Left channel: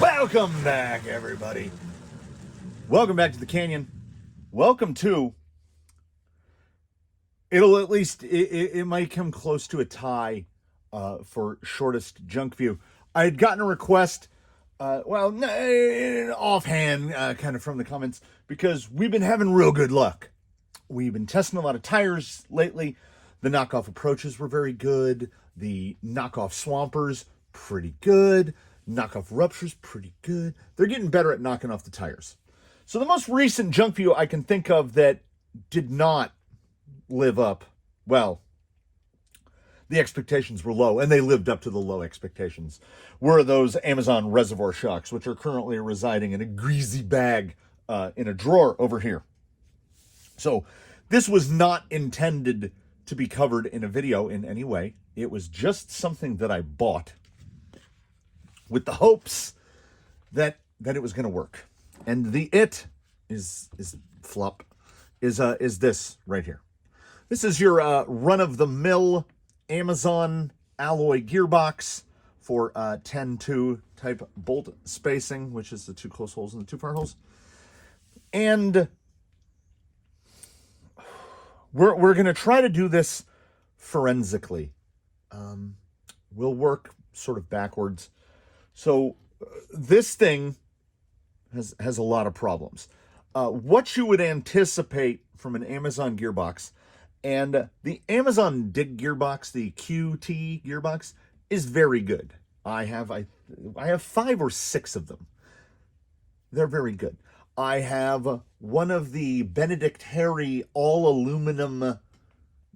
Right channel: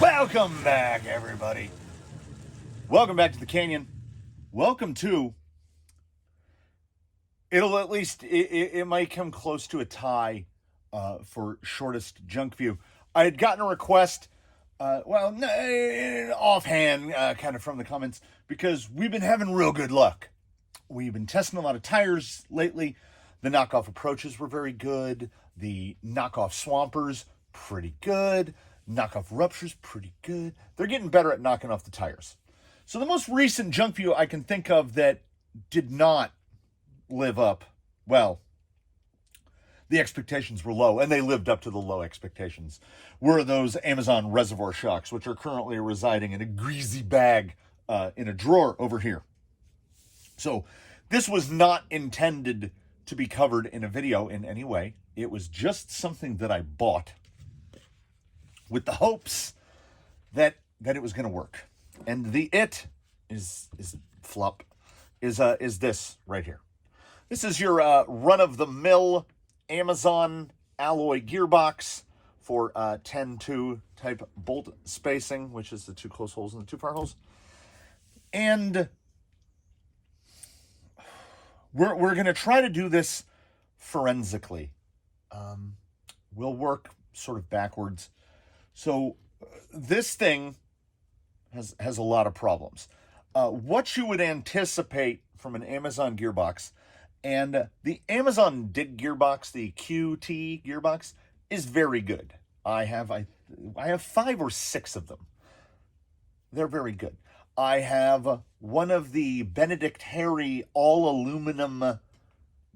Welcome back, everybody. Welcome back to the Canyon. Welcome to, it'll at least, it might come close to a tie for shortest junk view. I had gotten a request, offhand, kind of from the comments, because we've been having real good luck. We've been testing a lot of tires lately. The knockoff approaches were very good. The knockoff swampers, pretty good. Knockoff ruptures, pretty good. They're getting better at knocking off the tires. So the most recent junk view I can think of that did not live up, well, the expectations were low, and they lived up to the low expectations, were those Amazon reservoir shocks, which are currently residing in a greasy bag in a drawer over here. So this was not intended to be covered in a video in any way. It was just something that I bought with the hopes that it was going to work. And the is this right here. This is your run-of-the-mill Amazon alloy gearbox for 10-2 type bolt spacing, which is the two close holes and the two far holes. And we're going to try to do this forensically. We'll work sort of backwards. So this thing has a lot of problems. What you would anticipate from an Amazon gearbox, and the Amazon Dig gearbox, the QT gearbox, is very good. I have 5 or 6 of them. They're very good. I have one of the Benedict Harry all aluminum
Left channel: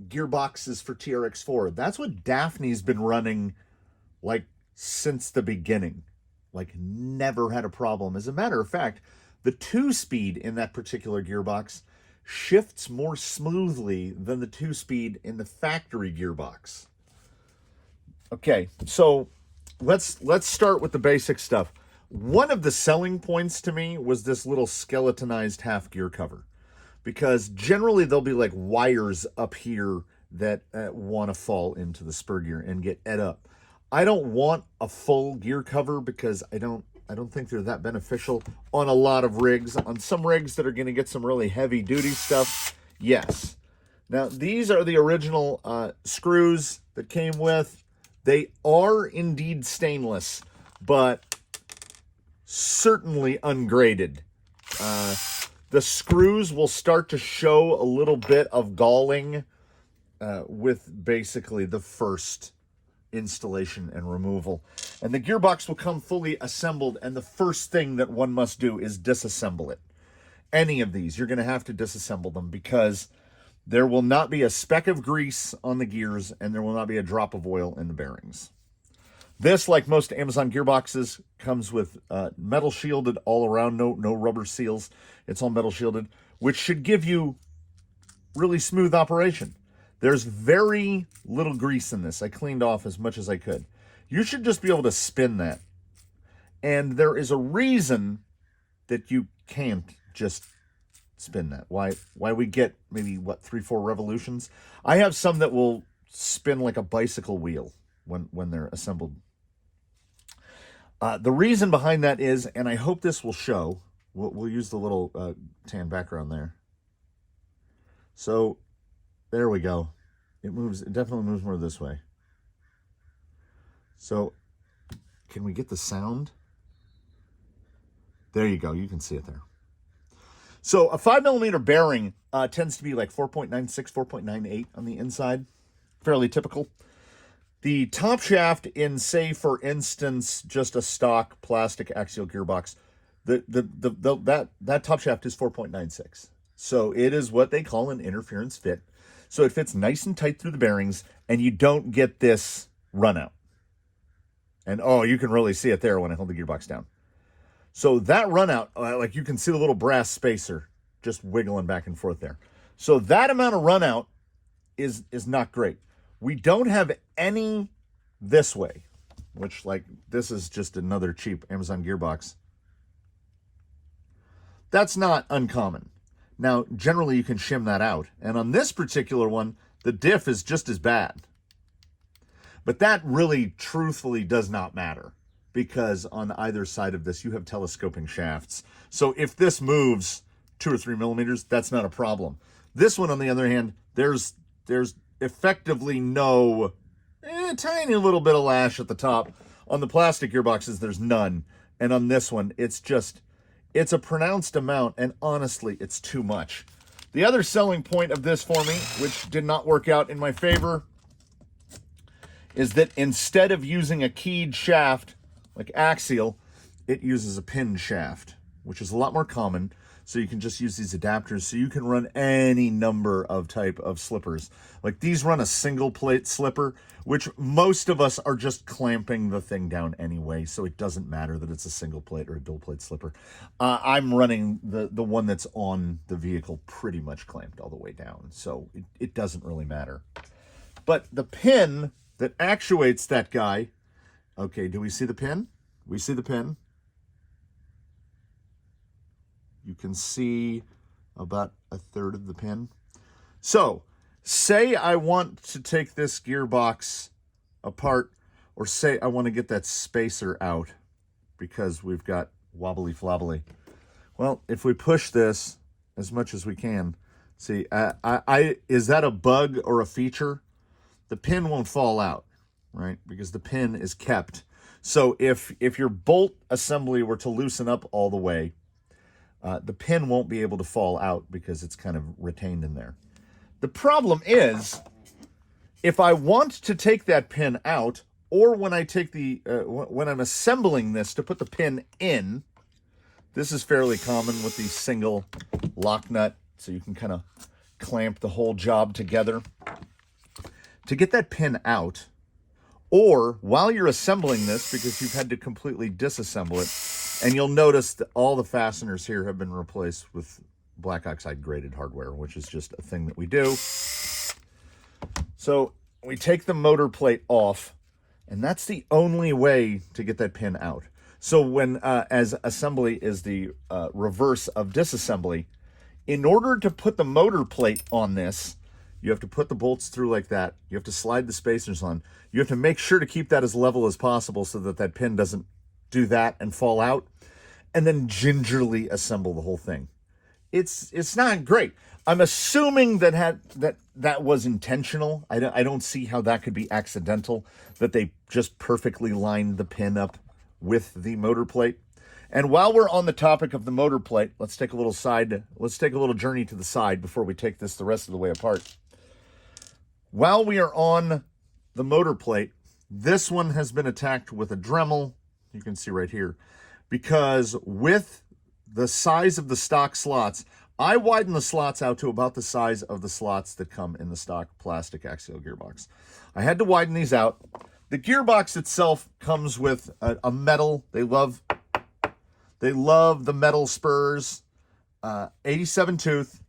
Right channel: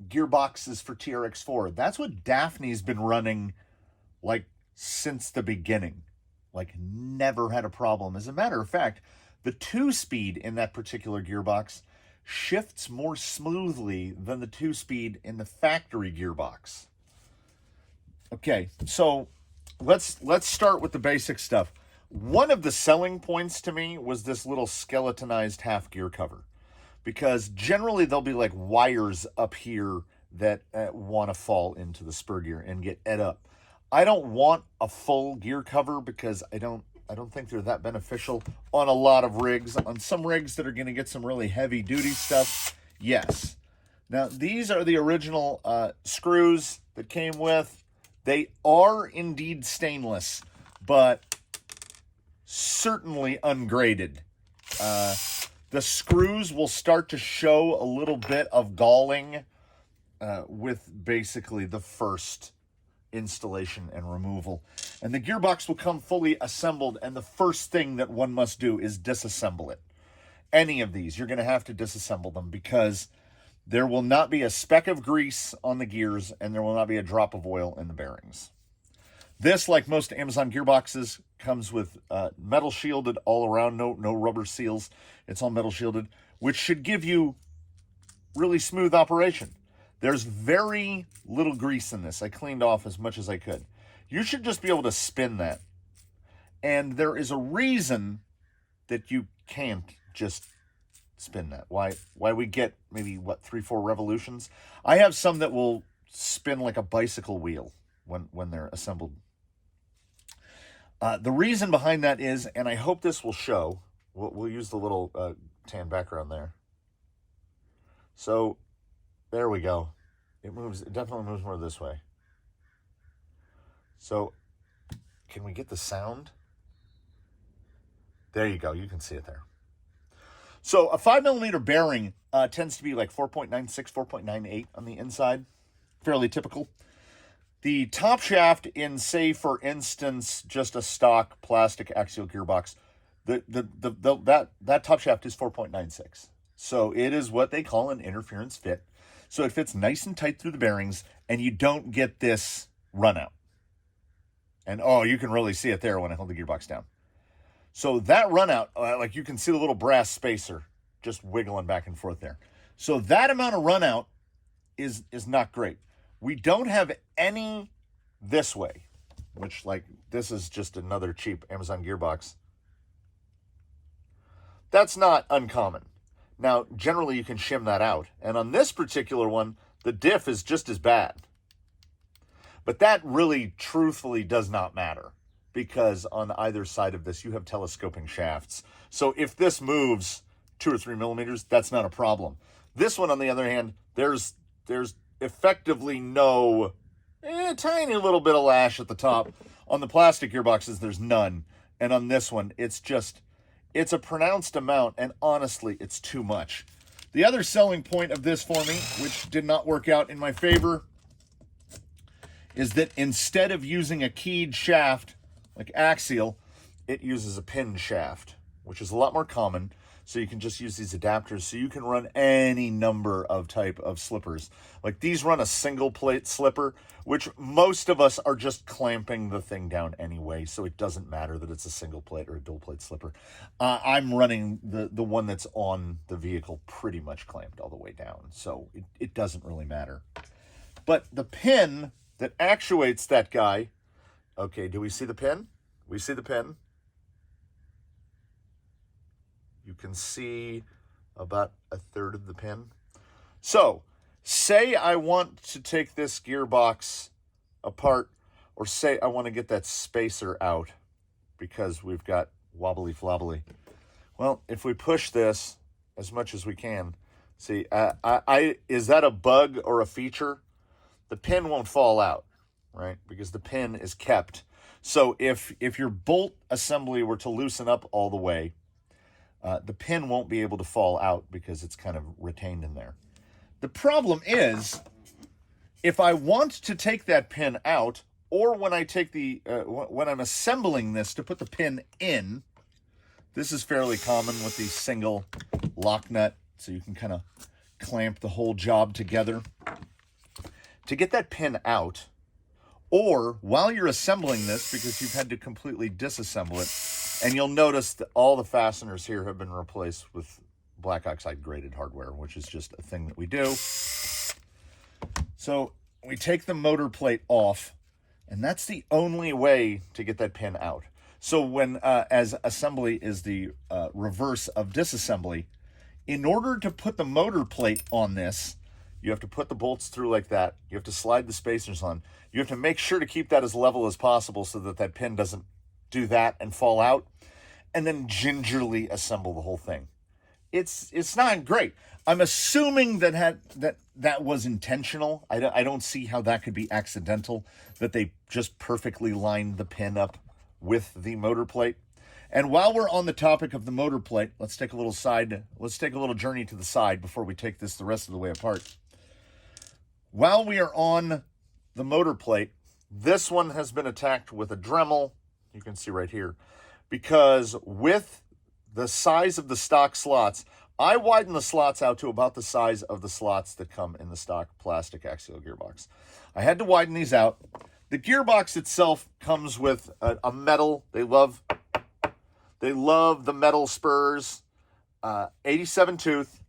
gearboxes for TRX4. That's what Daphne's been running like since the beginning. Like, never had a problem. As a matter of fact, the 2-speed in that particular gearbox shifts more smoothly than the 2-speed in the factory gearbox. Okay, so let's start with the basic stuff. One of the selling points to me was this little skeletonized half gear cover, because generally there'll be like wires up here that want to fall into the spur gear and get ed up. I don't want a full gear cover because I don't think they're that beneficial on a lot of rigs. On some rigs that are going to get some really heavy duty stuff, yes. Now, these are the original screws that came with. They are indeed stainless, but certainly ungraded. The screws will start to show a little bit of galling with basically the first installation and removal. And the gearbox will come fully assembled, and the first thing that one must do is disassemble it. Any of these, you're going to have to disassemble them, because there will not be a speck of grease on the gears, and there will not be a drop of oil in the bearings. This, like most Amazon gearboxes, comes with metal shielded all around, no rubber seals. It's all metal shielded, which should give you really smooth operation. There's very little grease in this. I cleaned off as much as I could. You should just be able to spin that. And there is a reason that you can't just spin that. Why we get maybe, 3-4 revolutions? I have some that will spin like a bicycle wheel when they're assembled. The reason behind that is, and I hope this will show, we'll use the little tan background there. So there we go. It definitely moves more this way. So can we get the sound? There you go. You can see it there. So a 5mm bearing tends to be like 4.96, 4.98 on the inside. Fairly typical. The top shaft in, say, for instance, just a stock plastic axial gearbox, that top shaft is 4.96. So it is what they call an interference fit. So it fits nice and tight through the bearings, and you don't get this run out. And oh, you can really see it there when I hold the gearbox down. So that run out, like you can see the little brass spacer just wiggling back and forth there. So that amount of run out is not great. We don't have any this way, which, like, this is just another cheap Amazon gearbox. That's not uncommon. Now, generally you can shim that out. And on this particular one, the diff is just as bad. But that really, truthfully, does not matter, because on either side of this, you have telescoping shafts. So if this moves 2 or 3 millimeters, that's not a problem. This one, on the other hand, there's effectively no tiny little bit of lash at the top. On the plastic gearboxes, there's none. And on this one, it's a pronounced amount, and honestly, it's too much. The other selling point of this for me, which did not work out in my favor, is that instead of using a keyed shaft, like axial, it uses a pin shaft, which is a lot more common. So you can just use these adapters, so you can run any number of type of slippers. Like these run a single plate slipper, which most of us are just clamping the thing down anyway, so it doesn't matter that it's a single plate or a dual plate slipper. I'm running the one that's on the vehicle pretty much clamped all the way down, so it doesn't really matter. But the pin that actuates that guy, okay, do we see the pin? We see the pin. You can see about 1/3 of the pin. So, say I want to take this gearbox apart, or say I want to get that spacer out because we've got wobbly flobbly. Well, if we push this as much as we can, see, is that a bug or a feature? The pin won't fall out, right? Because the pin is kept. So if your bolt assembly were to loosen up all the way, the pin won't be able to fall out because it's kind of retained in there. The problem is, if I want to take that pin out, or when I take when I'm assembling this to put the pin in, this is fairly common with the single lock nut, so you can kind of clamp the whole job together. To get that pin out, or while you're assembling this, because you've had to completely disassemble it, and you'll notice that all the fasteners here have been replaced with black oxide graded hardware, which is just a thing that we do. So we take the motor plate off, and that's the only way to get that pin out. So when, as assembly is the reverse of disassembly, in order to put the motor plate on this, you have to put the bolts through like that. You have to slide the spacers on. You have to make sure to keep that as level as possible so that that pin doesn't do that and fall out, and then gingerly assemble the whole thing. It's not great. I'm assuming that was intentional. I don't see how that could be accidental, that they just perfectly lined the pin up with the motor plate. And while we're on the topic of the motor plate, let's take a little journey to the side before we take this the rest of the way apart. While we are on the motor plate, this one has been attacked with a Dremel, you can see right here, because with the size of the stock slots, I widen the slots out to about the size of the slots that come in the stock plastic axial gearbox. I had to widen these out. The gearbox itself comes with a metal. They love the metal spurs, 87 tooth.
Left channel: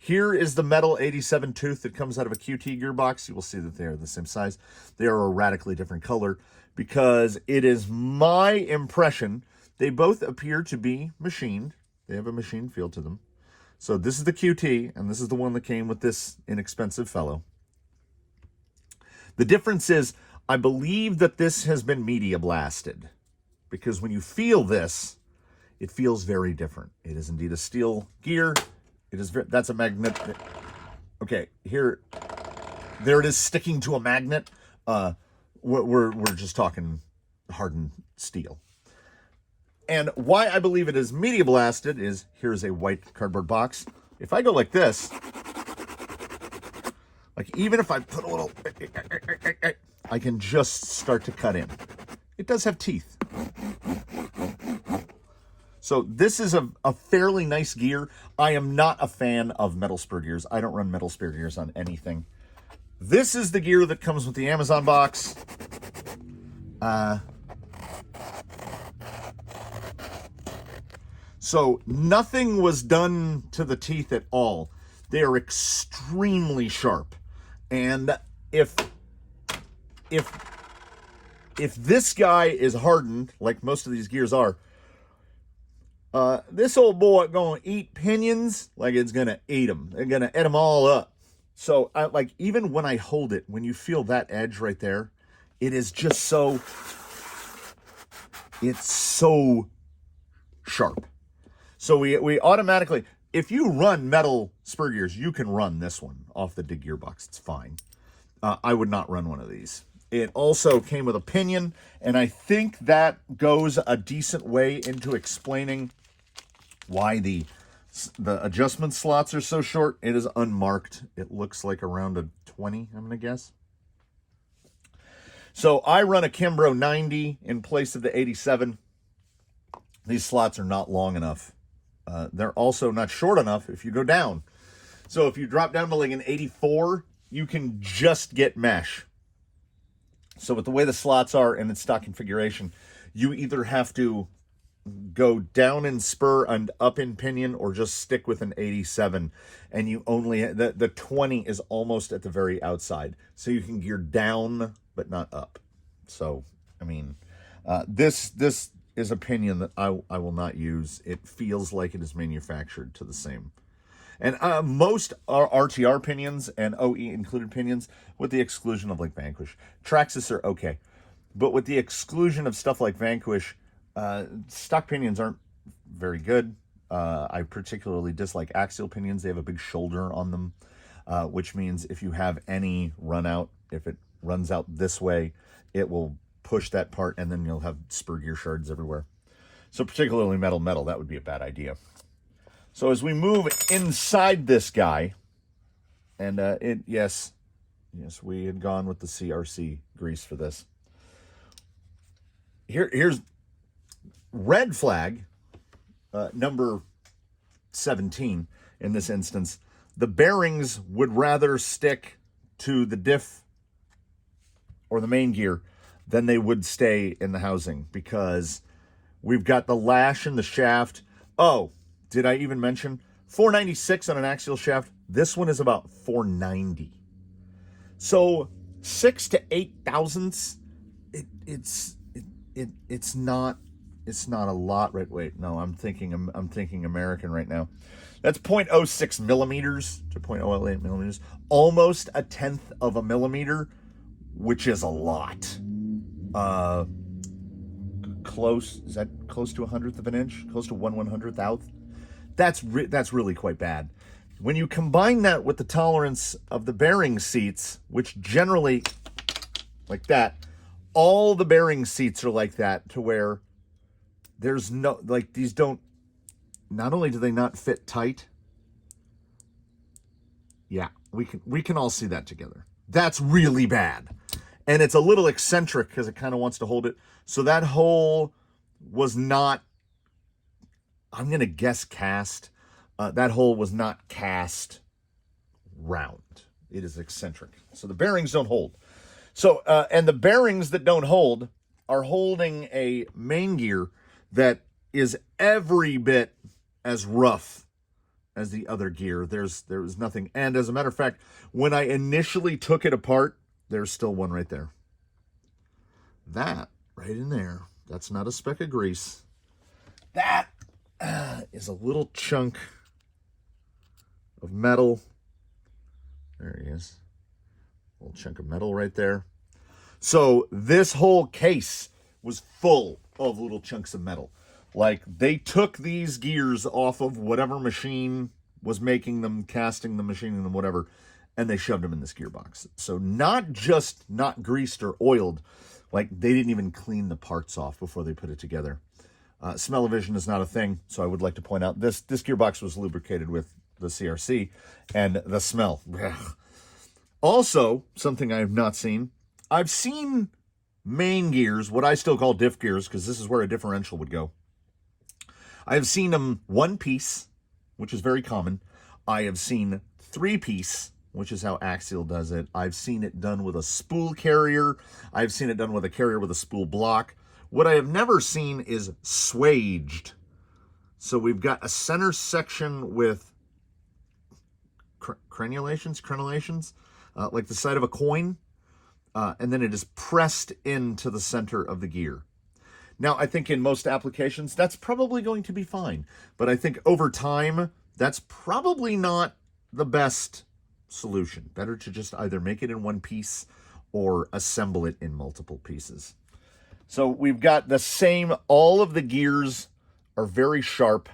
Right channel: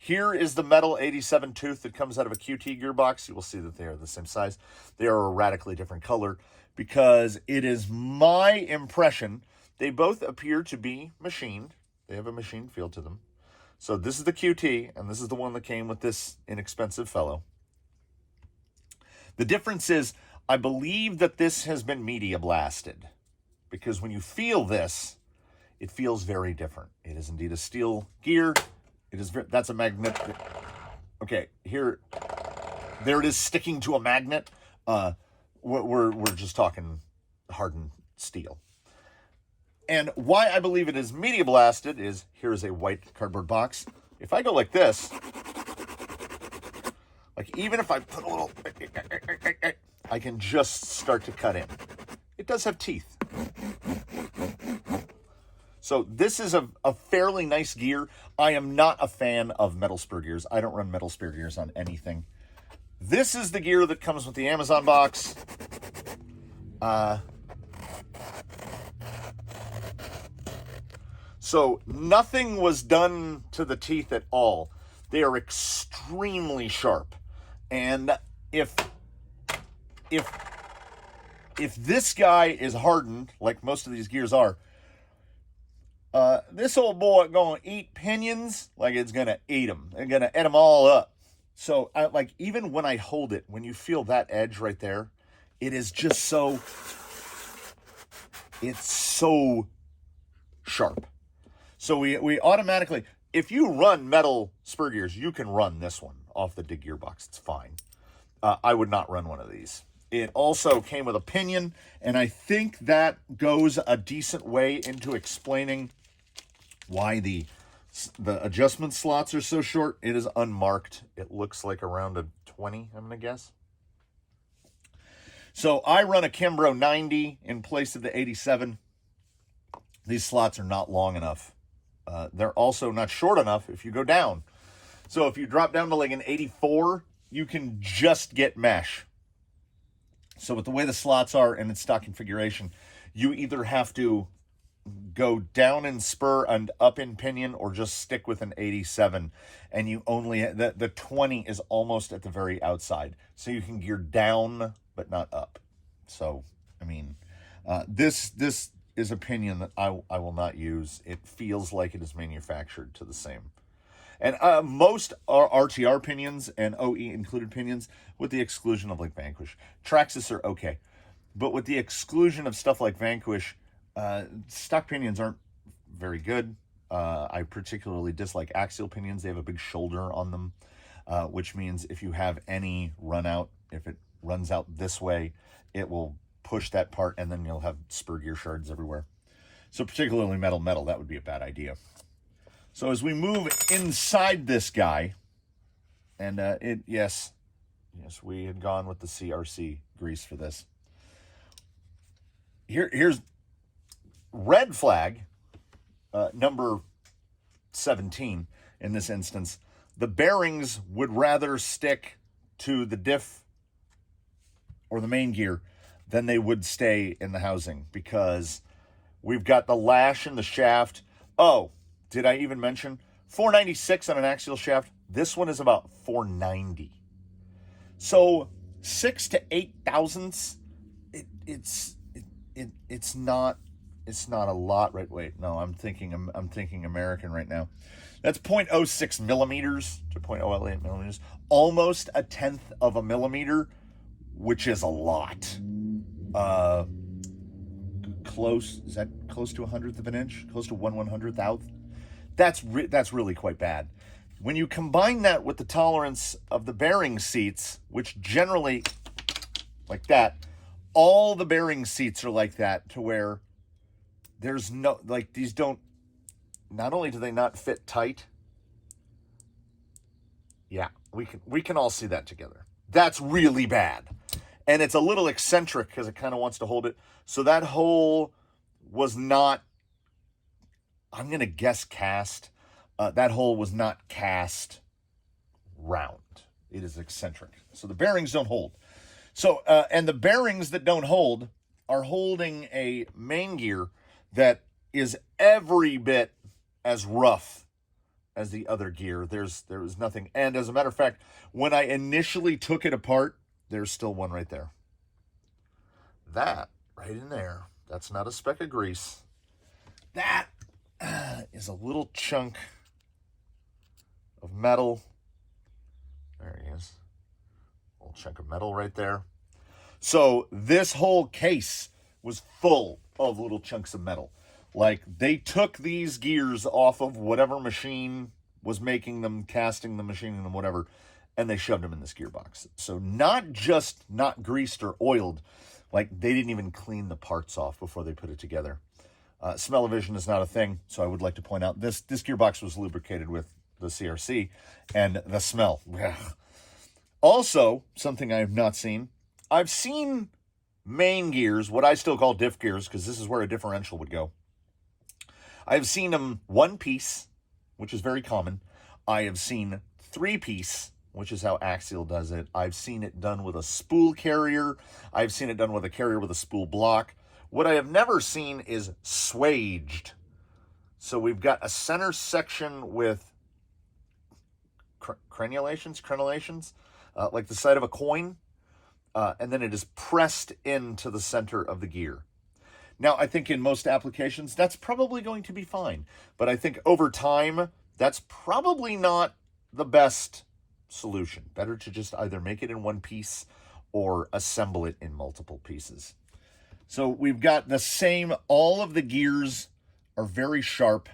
Here is the metal 87 tooth that comes out of a QT gearbox. You will see that they are the same size. They are a radically different color because it is my impression they both appear to be machined. They have a machine feel to them. So this is the QT, and this is the one that came with this inexpensive fellow. The difference is, I believe that this has been media blasted, because when you feel this, it feels very different. It is indeed a steel gear. That's a magnet. Okay, there it is sticking to a magnet. We're just talking hardened steel. And why I believe it is media blasted is, here's a white cardboard box. If I go like this, like even if I put a little, I can just start to cut in. It does have teeth. So this is a fairly nice gear. I am not a fan of metal spur gears. I don't run metal spur gears on anything. This is the gear that comes with the Amazon box. So nothing was done to the teeth at all. They are extremely sharp. And if this guy is hardened, like most of these gears are, this old boy gonna eat pinions like it's gonna eat them. They're gonna eat them all up. So like even when I hold it, when you feel that edge right there, it is just so, it's so sharp. So we automatically, if you run metal spur gears, you can run this one off the dig gearbox. It's fine. I would not run one of these. It also came with a pinion, and I think that goes a decent way into explaining why the adjustment slots are so short. It is unmarked. It looks like around a 20, I'm going to guess. So I run a Kimbrough 90 in place of the 87. These slots are not long enough. They're also not short enough if you go down. So if you drop down to like an 84, you can just get mesh. So with the way the slots are and its stock configuration, you either have to go down in spur and up in pinion or just stick with an 87, and you only, the 20 is almost at the very outside. So you can gear down but not up. So, I mean, this is a pinion that I will not use. It feels like it is manufactured to the same. And most are RTR pinions and OE included pinions, with the exclusion of like Vanquish. Traxxas are okay, but with the exclusion of stuff like Vanquish, stock pinions aren't very good. I particularly dislike axial pinions. They have a big shoulder on them, which means if you have any run out, if it runs out this way, it will push that part, and then you'll have spur gear shards everywhere. So particularly metal, that would be a bad idea. So as we move inside this guy, and yes, we had gone with the CRC grease for this. Here's red flag, number 17 in this instance. The bearings would rather stick to the diff or the main gear than they would stay in the housing, because we've got the lash in the shaft. Oh, did I even mention 496 on an axial shaft? This one is about 490. So 6 to 8 thousandths. It's not a lot, right? Wait, no, I'm thinking American right now. That's 0.06 millimeters to 0.008 millimeters, almost a tenth of a millimeter, which is a lot. Is that close to 100th of an inch? Close to 1/100th? That's really quite bad. When you combine that with the tolerance of the bearing seats, which generally, like that, all the bearing seats are like that, to where there's no, like, these don't, not only do they not fit tight, yeah, we can all see that together. That's really bad. And it's a little eccentric because it kind of wants to hold it. So that hole was not, I'm going to guess cast. That hole was not cast round. It is eccentric. So the bearings don't hold. So, and the bearings that don't hold are holding a main gear that is every bit as rough as the other gear. There was nothing. And as a matter of fact, when I initially took it apart, there's still one right there. That right in there, that's not a speck of grease. That is a little chunk of metal. There he is. A little chunk of metal right there. So this whole case was full of little chunks of metal. Like, they took these gears off of whatever machine was making them, casting them, machining them, whatever, and they shoved them in this gearbox. So not just not greased or oiled, like they didn't even clean the parts off before they put it together. Smell-o-vision is not a thing, so I would like to point out this gearbox was lubricated with the CRC, and the smell. Also, something I have not seen, I've seen main gears, what I still call diff gears, because this is where a differential would go. I've seen them one piece, which is very common. I have seen 3-piece, which is how Axial does it. I've seen it done with a spool carrier. I've seen it done with a carrier with a spool block. What I have never seen is swaged. So we've got a center section with crenellations, like the side of a coin, and then it is pressed into the center of the gear. Now, I think in most applications, that's probably going to be fine. But I think over time, that's probably not the best solution. Better to just either make it in one piece or assemble it in multiple pieces. So we've got the same, all of the gears are very sharp.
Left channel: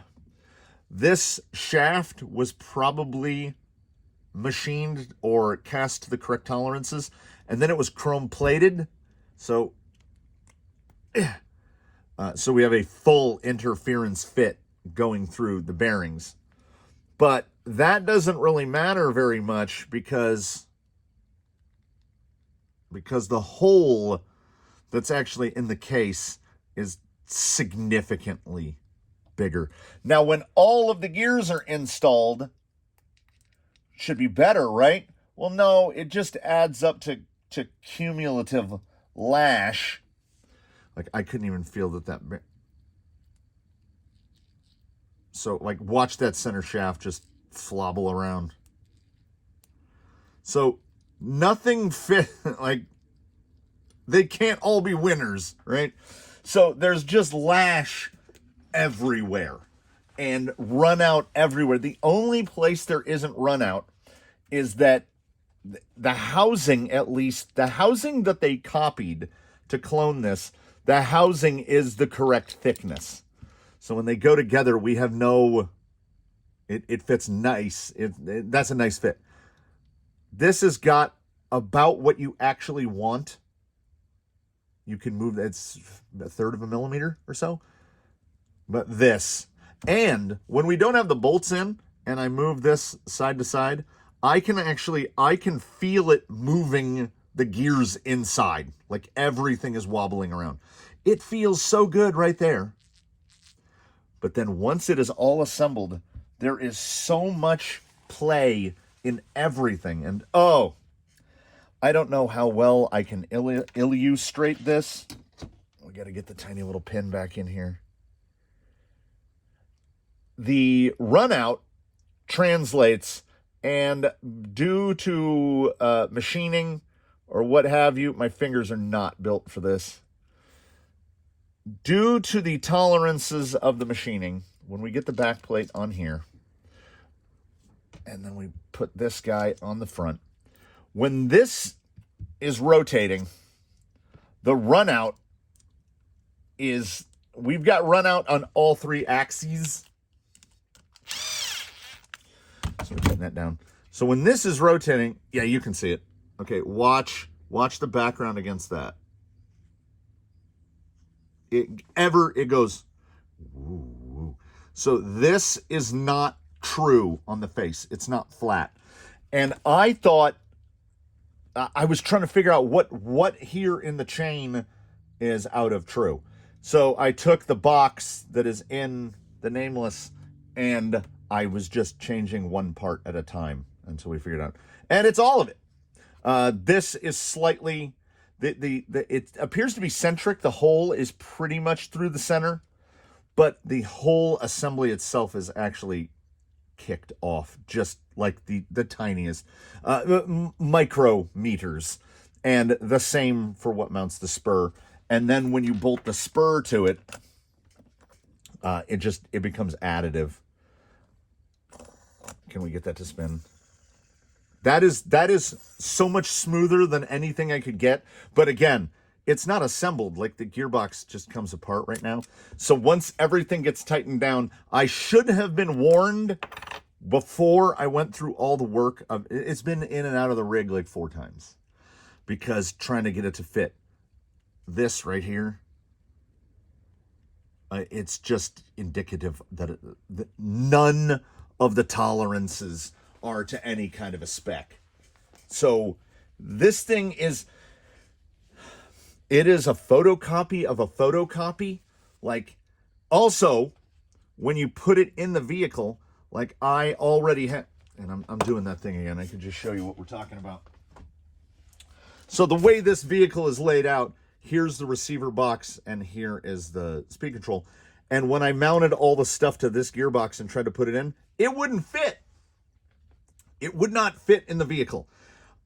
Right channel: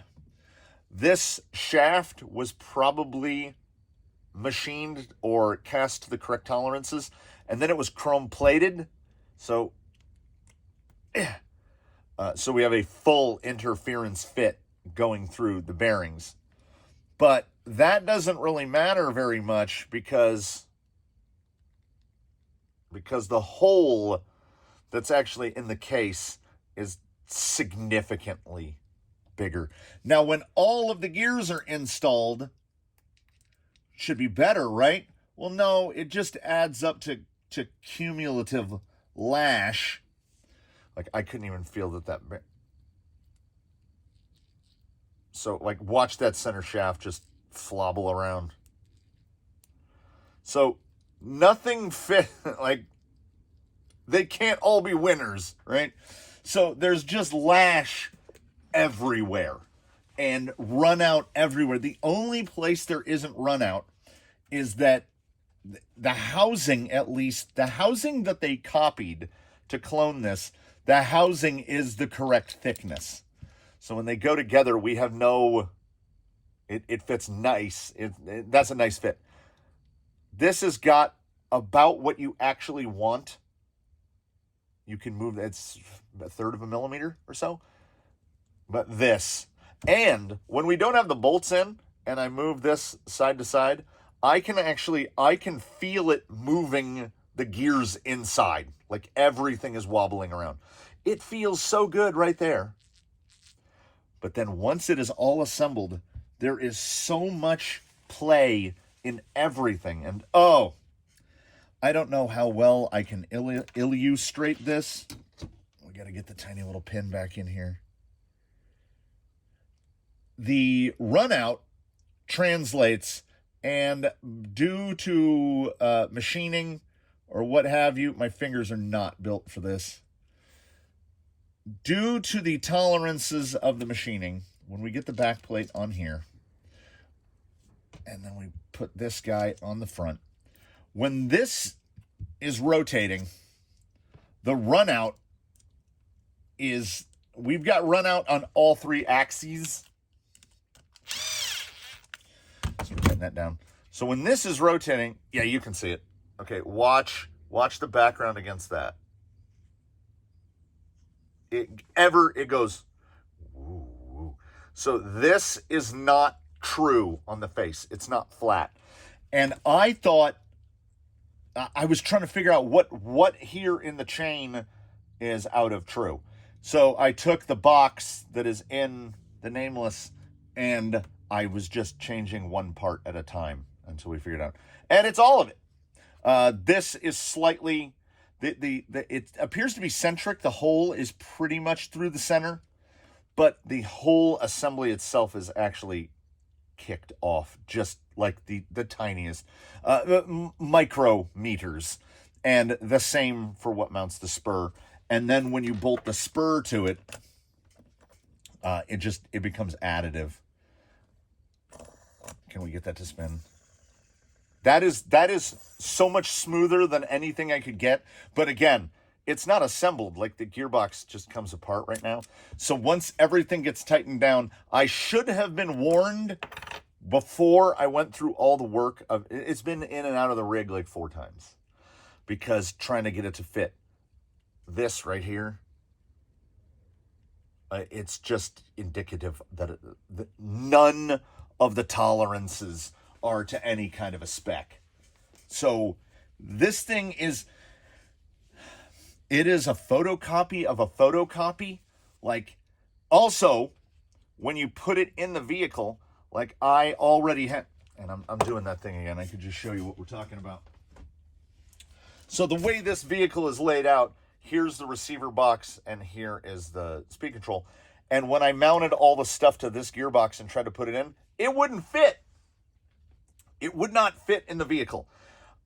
This shaft was probably machined or cast to the correct tolerances, and then it was chrome plated. So we have a full interference fit going through the bearings. But that doesn't really matter very much because the hole that's actually in the case is significantly bigger. Now, when all of the gears are installed, should be better, right? Well, no, it just adds up to cumulative lash. Like, I couldn't even feel that. So, like, watch that center shaft just flobble around. So, nothing fit, like, they can't all be winners, right? So, there's just lash everywhere and run out everywhere. The only place there isn't run out is that the housing, at least, the housing that they copied to clone this, the housing is the correct thickness. So when they go together, we have no, it fits nice. That's a nice fit. This has got about what you actually want. You can move, it's a third of a millimeter or so. But this, and when we don't have the bolts in and I move this side to side, I can feel it moving the gears inside. Like everything is wobbling around. It feels so good right there. But then once it is all assembled, there is so much play in everything. And oh, I don't know how well I can illustrate this. We got to get the tiny little pin back in here. The runout translates, and due to machining or what have you, my fingers are not built for this. Due to the tolerances of the machining, when we get the back plate on here, and then we put this guy on the front, when this is rotating, the runout is, we've got runout on all three axes. So we're putting that down. So when this is rotating, yeah, you can see it. Okay, watch the background against that. It goes. Ooh. So this is not true on the face. It's not flat. And I thought, I was trying to figure out what here in the chain is out of true. So I took the box that is in the nameless and I was just changing one part at a time until we figured it out. And it's all of it. This is slightly, it appears to be centric. The hole is pretty much through the center, but the whole assembly itself is actually kicked off just like the tiniest micrometers. And the same for what mounts the spur. And then when you bolt the spur to it, it becomes additive. Can we get that to spin? That is so much smoother than anything I could get. But again, it's not assembled. Like the gearbox just comes apart right now. So once everything gets tightened down, I should have been warned before I went through all the work of, it's been in and out of the rig like 4 times because trying to get it to fit. This right here, it's just indicative that none of the tolerances are to any kind of a spec. So this thing is, it is a photocopy of a photocopy. Like, also, when you put it in the vehicle, like I already have, and I'm doing that thing again. I could just show you what we're talking about. So the way this vehicle is laid out, here's the receiver box and here is the speed control. And when I mounted all the stuff to this gearbox and tried to put it in, it wouldn't fit. It would not fit in the vehicle.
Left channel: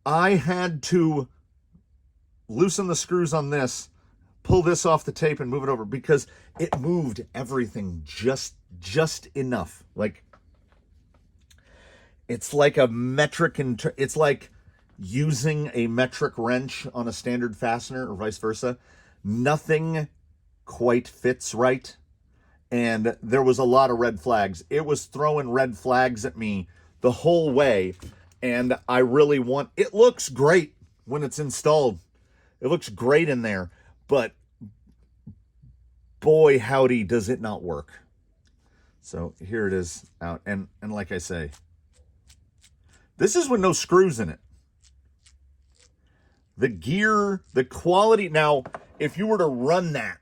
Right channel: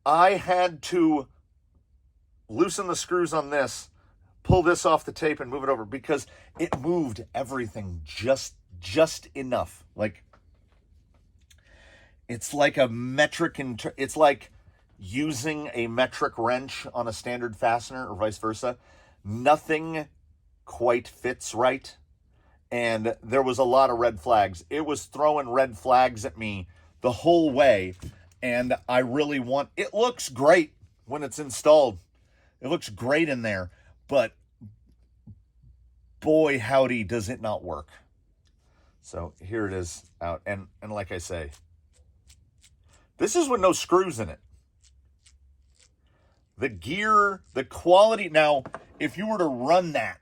I had to loosen the screws on this, pull this off the tape and move it over because it moved everything just enough. Like, it's like a metric, it's like using a metric wrench on a standard fastener or vice versa. nothing quite fits right. And there was a lot of red flags. It was throwing red flags at me the whole way. And I really want, it looks great when it's installed. It looks great in there, but boy, howdy, does it not work. So here it is out. And like I say, this is with no screws in it. The gear, the quality. Now, if you were to run that,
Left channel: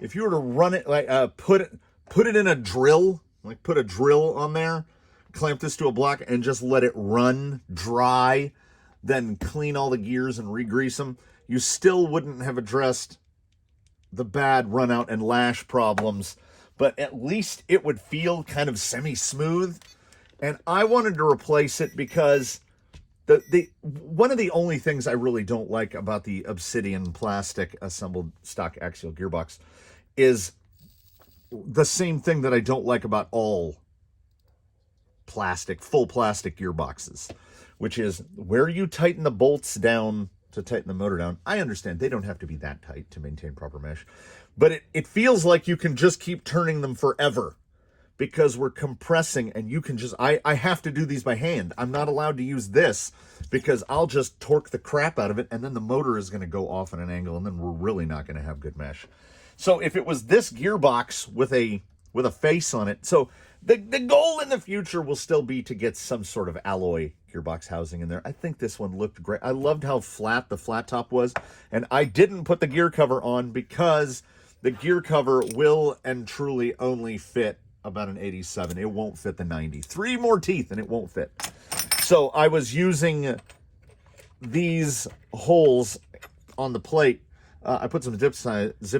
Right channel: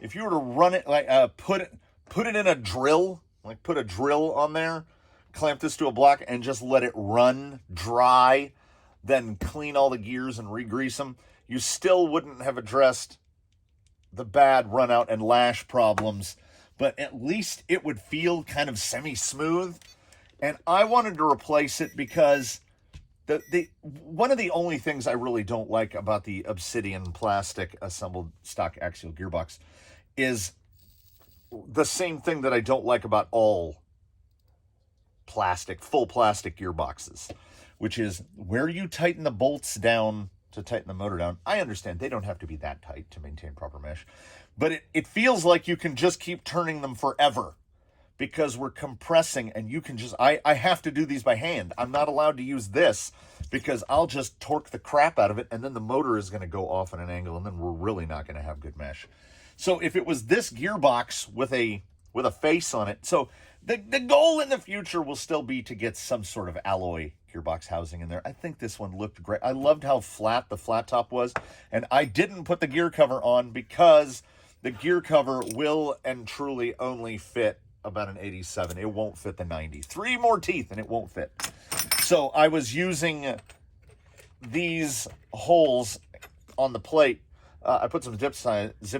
if you were to run it, like put it in a drill, like put a drill on there, clamp this to a block and just let it run dry, then clean all the gears and re-grease them, you still wouldn't have addressed the bad run out and lash problems, but at least it would feel kind of semi-smooth. And I wanted to replace it because the one of the only things I really don't like about the Obsidian plastic assembled stock axial gearbox is the same thing that I don't like about all plastic, full plastic gearboxes, which is where you tighten the bolts down to tighten the motor down. I understand they don't have to be that tight to maintain proper mesh, but it feels like you can just keep turning them forever because we're compressing, and you can just, I have to do these by hand. I'm not allowed to use this because I'll just torque the crap out of it, and then the motor is going to go off at an angle, and then we're really not going to have good mesh. So if it was this gearbox with a face on it, so the goal in the future will still be to get some sort of alloy gearbox housing in there. I think this one looked great. I loved how flat the flat top was, and I didn't put the gear cover on because the gear cover will and truly only fit about an 87. It won't fit the 90. 3 more teeth and it won't fit. So I was using these holes on the plate. I put some zip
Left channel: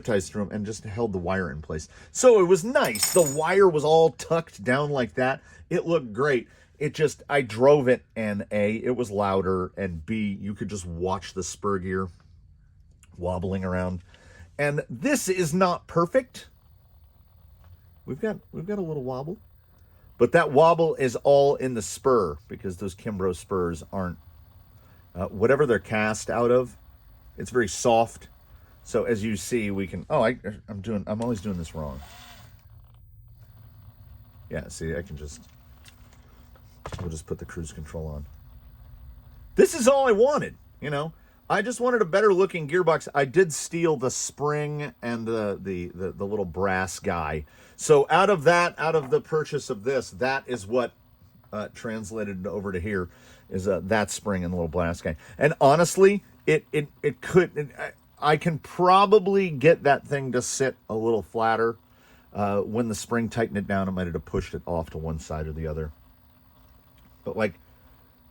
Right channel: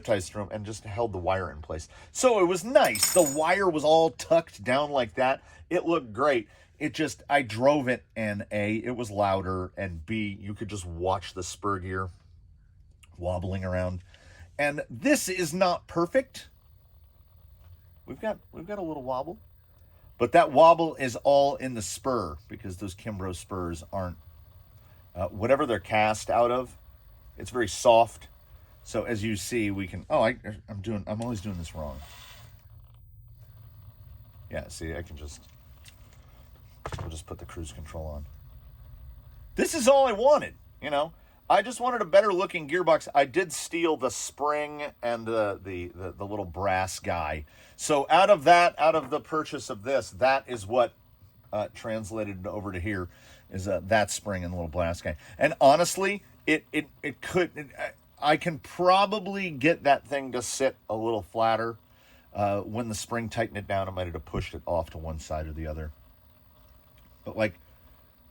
ties through them and just held the wire in place. So it was nice. The wire was all tucked down like that. It looked great. It just, I drove it, and A, it was louder, and B, you could just watch the spur gear wobbling around. And this is not perfect. We've got a little wobble, but that wobble is all in the spur because those Kimbrough spurs aren't whatever they're cast out of. It's very soft. So as you see, we can. Oh, I'm always doing this wrong. Yeah, see, we'll just put the cruise control on. This is all I wanted, you know. I just wanted a better looking gearbox. I did steal the spring and the little brass guy. So out of the purchase of this, that is what translated over to here is that spring and the little brass guy. And honestly, I can probably get that thing to sit a little flatter. When the spring tightened it down, I might have pushed it off to one side or the other. But like,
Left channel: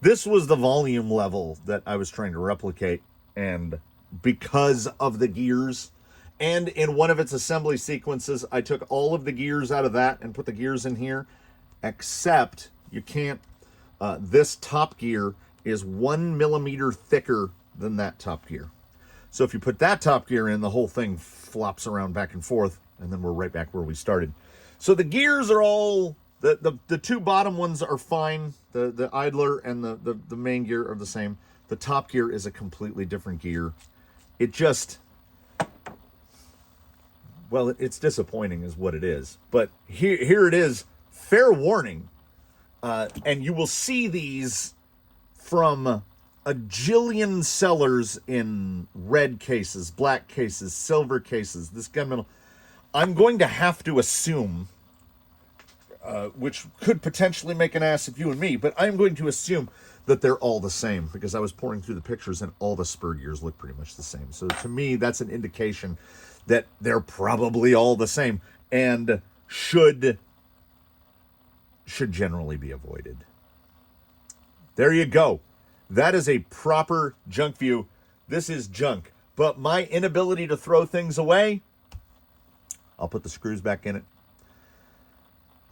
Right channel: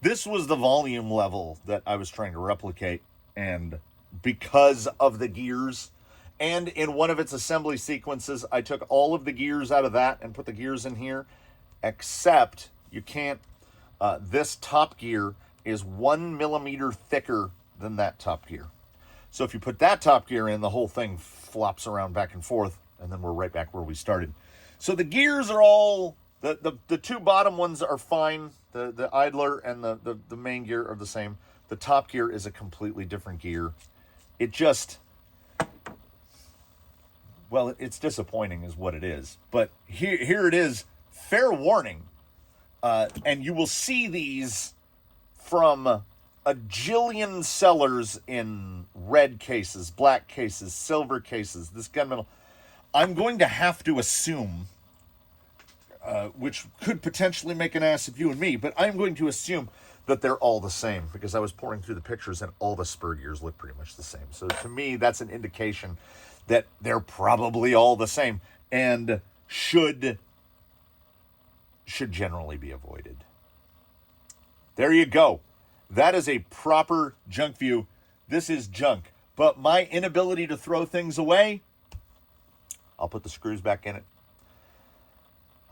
this was the volume level that I was trying to replicate, and because of the gears, and in one of its assembly sequences, I took all of the gears out of that and put the gears in here, except you can't, this top gear is 1 millimeter thicker than that top gear. So if you put that top gear in, the whole thing flops around back and forth, and then we're right back where we started. So the gears are all, the 2 bottom ones are fine. The idler and the main gear are the same. The top gear is a completely different gear. It just, well, it's disappointing is what it is. But here it is, fair warning. And you will see these from a jillion sellers in red cases, black cases, silver cases, this gunmetal. I'm going to have to assume, which could potentially make an ass of you and me, but I'm going to assume that they're all the same because I was pouring through the pictures and all the spur gears look pretty much the same. So to me, that's an indication that they're probably all the same and should generally be avoided. There you go. That is a proper Junkview. This is junk, but my inability to throw things away, I'll put the screws back in it.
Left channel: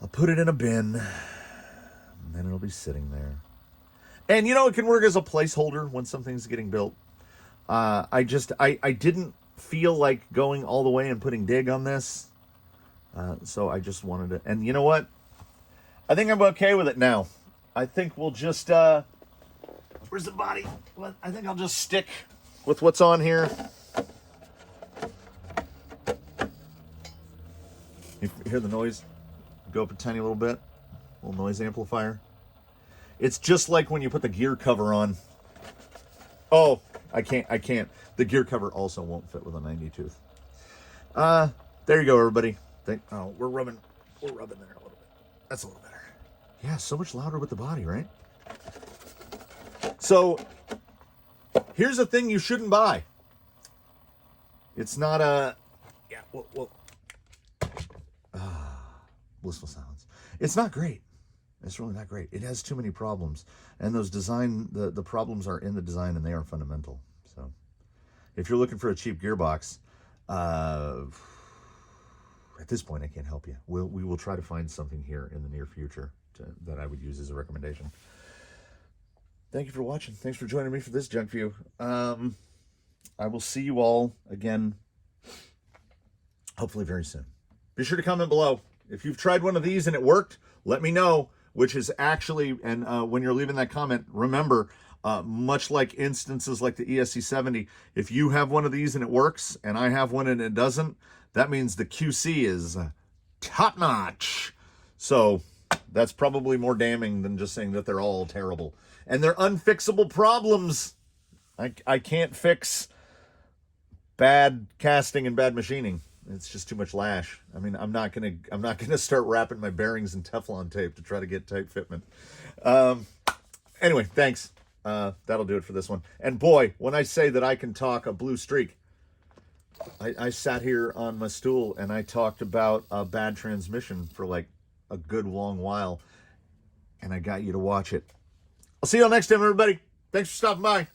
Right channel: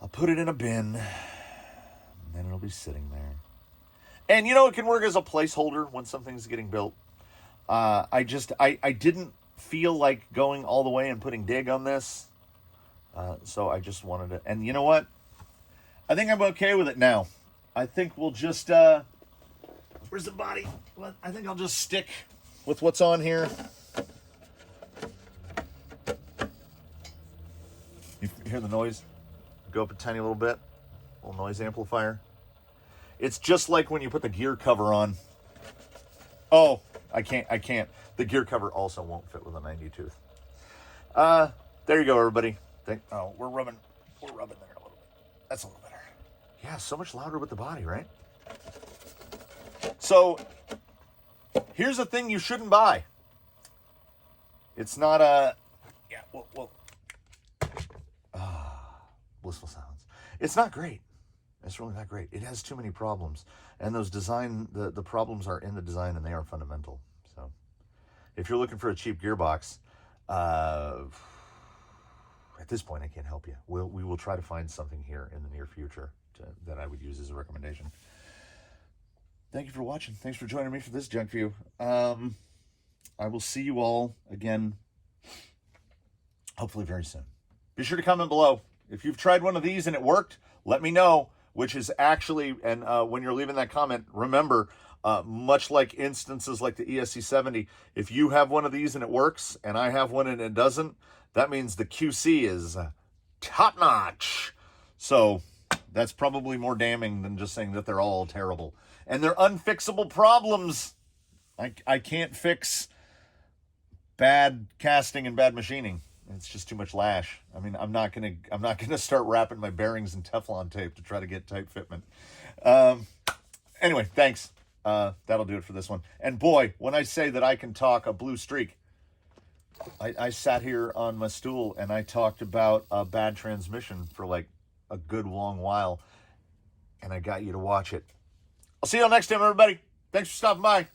I'll put it in a bin, and then it'll be sitting there. And, you know, it can work as a placeholder when something's getting built. I didn't feel like going all the way and putting dig on this. So I just wanted to. And you know what? I think I'm okay with it now. I think we'll just, where's the body? I think I'll just stick with what's on here. You hear the noise? Go up a tiny little bit. Little noise amplifier. It's just like when you put the gear cover on. Oh, I can't. The gear cover also won't fit with a 90 tooth. There you go, everybody. We're rubbing there a little bit. That's a little better. Yeah, so much louder with the body, right? So, here's a thing you shouldn't buy. It's not a... Yeah, blissful sounds. It's not great. It's really not great. It has too many problems. And those the problems are in the design, and they are fundamental. So, if you're looking for a cheap gearbox, at this point, I can't help you. We will try to find something here in the near future that I would use as a recommendation. Thank you for watching. Thanks for joining me for this Junk View. I will see you all again, hopefully very soon. Be sure to comment below. If you've tried one of these and it worked, let me know, which is actually, and when you're leaving that comment, remember, much like instances like the ESC70, if you have one of these and it works, and I have one and it doesn't, that means the QC is top-notch. So that's probably more damning than just saying that they're all terrible. And they're unfixable problems. I can't fix bad casting and bad machining. It's just too much lash. I mean, I'm not gonna start wrapping my bearings in Teflon tape to try to get tight fitment. Anyway, thanks. That'll do it for this one. And boy, when I say that I can talk a blue streak, I sat here on my stool and I talked about a bad transmission for like a good long while, and I got you to watch it. I'll see you all next time, everybody. Thanks for stopping by.